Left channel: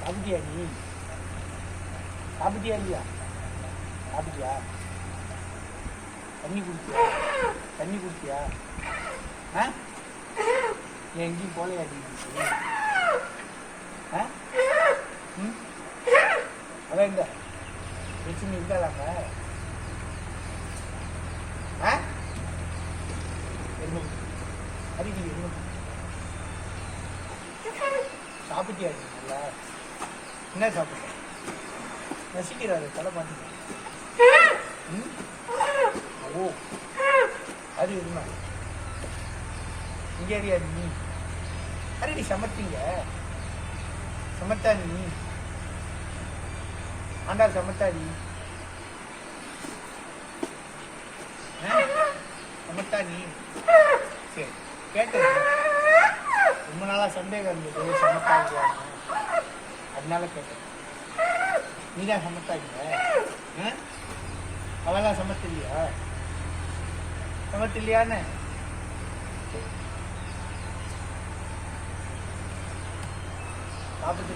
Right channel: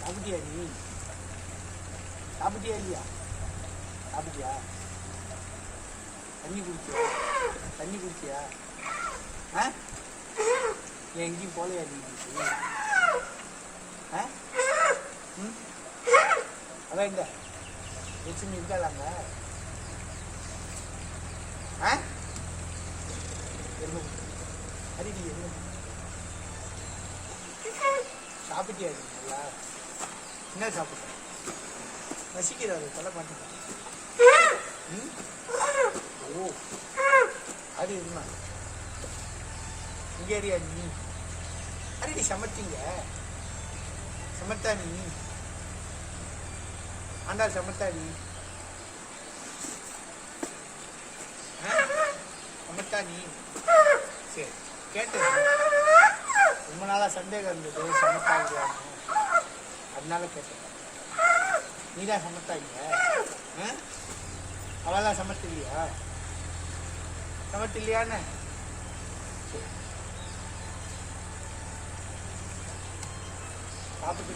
சாப்பிட்டியா நீ? சாப்பிட்டியா இல்லையா? சாப்பிட்டியா? தண்ணி குடிச்சியா? தண்ணி குடிச்சியா? ஏன் எங்கேயும் போலையா நீ? அதான் இந்த பிரச்சனை இருக்காதாங்க? அரிடி என்ன சாப்பிட்டியா? நல்லா என்ன சாப்பிட்ட? ரசிக்கிறாரு தலை மாட்டேன். ஓ அது இருந்தா இங்கே அறியா நீ? அரிடி சமைச்சிங்க சமத்தா நீ? ஆண்டாள் சமத்தா நீ? சமத்தா நீ? சரி கேட்டது ரொம்ப நாளா சந்தேகம் இருந்தது சமத்தாங்க, அதனால கேட்டேன். நீதான் சமத்தாங்க? அவெல்லாம் சமத்தில்லையா? சமத்தில்லையான்னு சாப்பிட்டு